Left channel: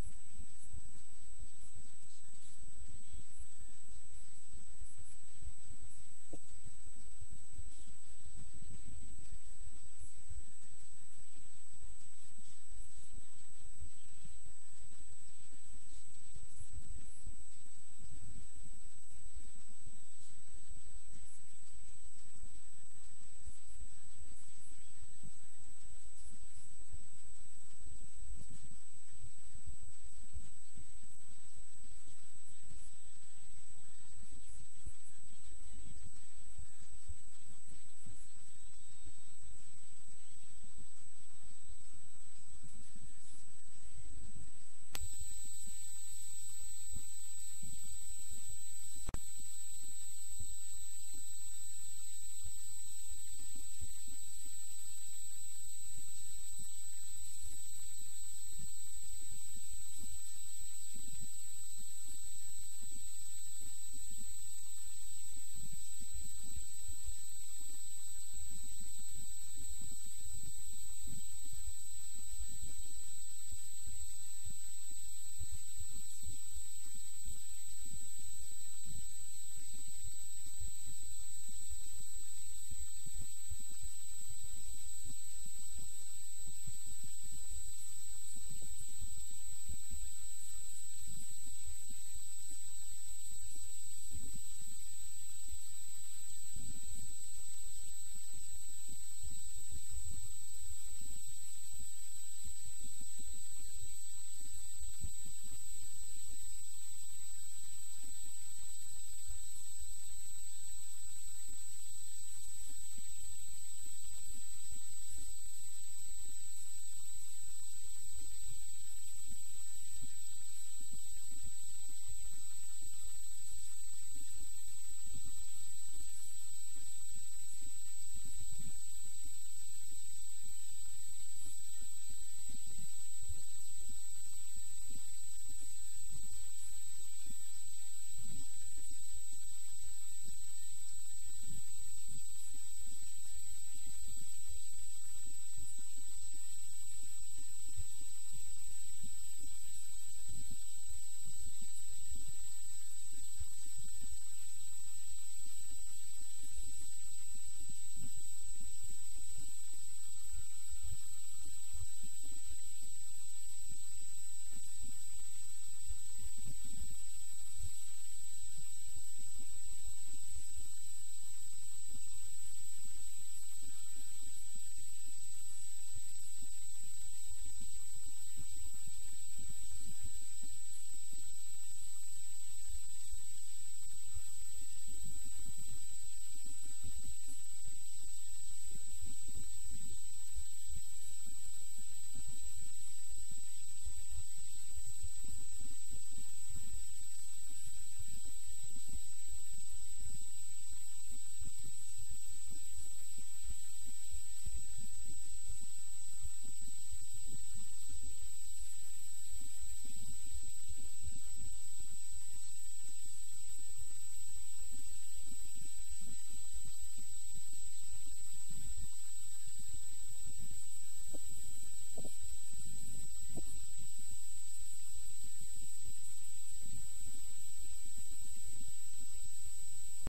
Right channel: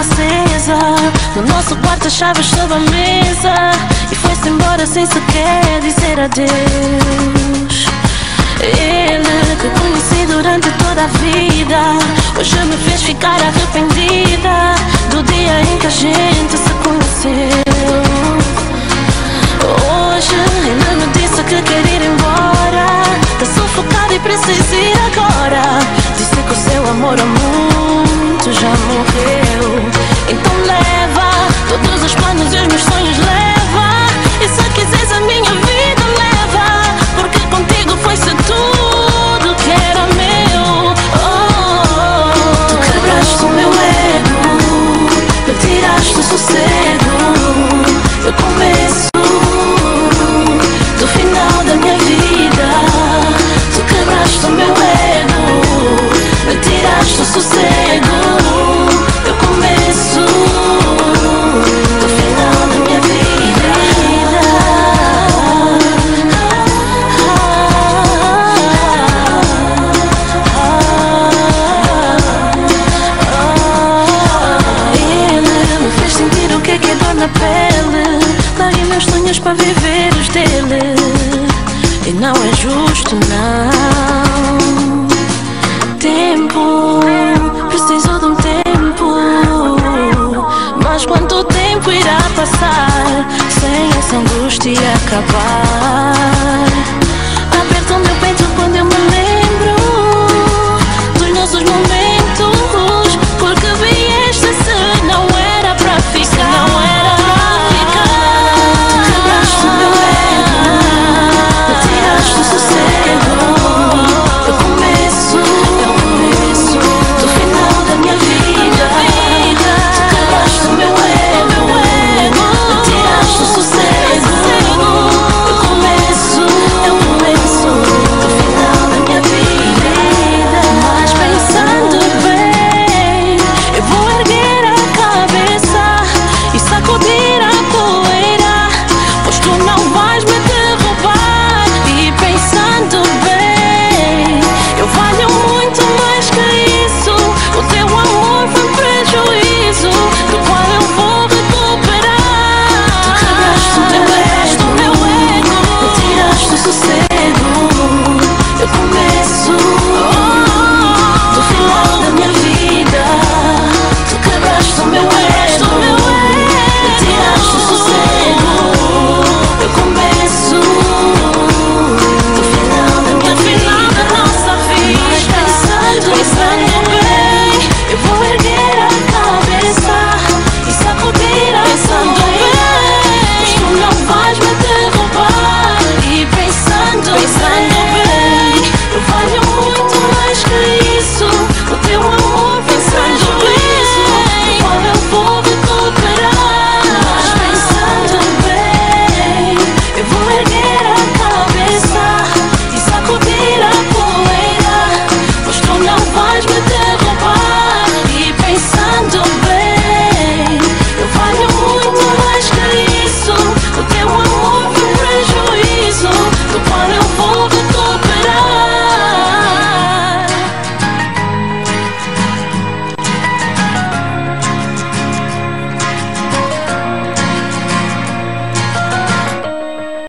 acesa. No nosso quarto as chaves sob a mesa. E foi-se embora sem sequer dizer adeus. Ele que conheci durante toda a vida, hoje me fez ficar arrependida do dia em que a gente se conheceu. Hoje ele me disse que quer ir embora, tá sufocado e precisa ir agora. Disse que o seu amor há muito já morreu. Então leva todos os planos e os meus sonhos, leva. E se quiseres a minha vida, leva, porque contigo foi-se tudo que era meu. Tu quebraste o meu ego, me tiraste o sossego. Eu começo do final da minha vida. Tu quebraste o meu ego, me tiraste o sossego. Eu começo do final da minha vida. Ele me fez sentir o que é dor na pele. Larguei meus sonhos para viver os dele. E não é justo, não. Tempo, preciso de um tempo. Mas quanto tempo irá passar sem essa angústia acabar?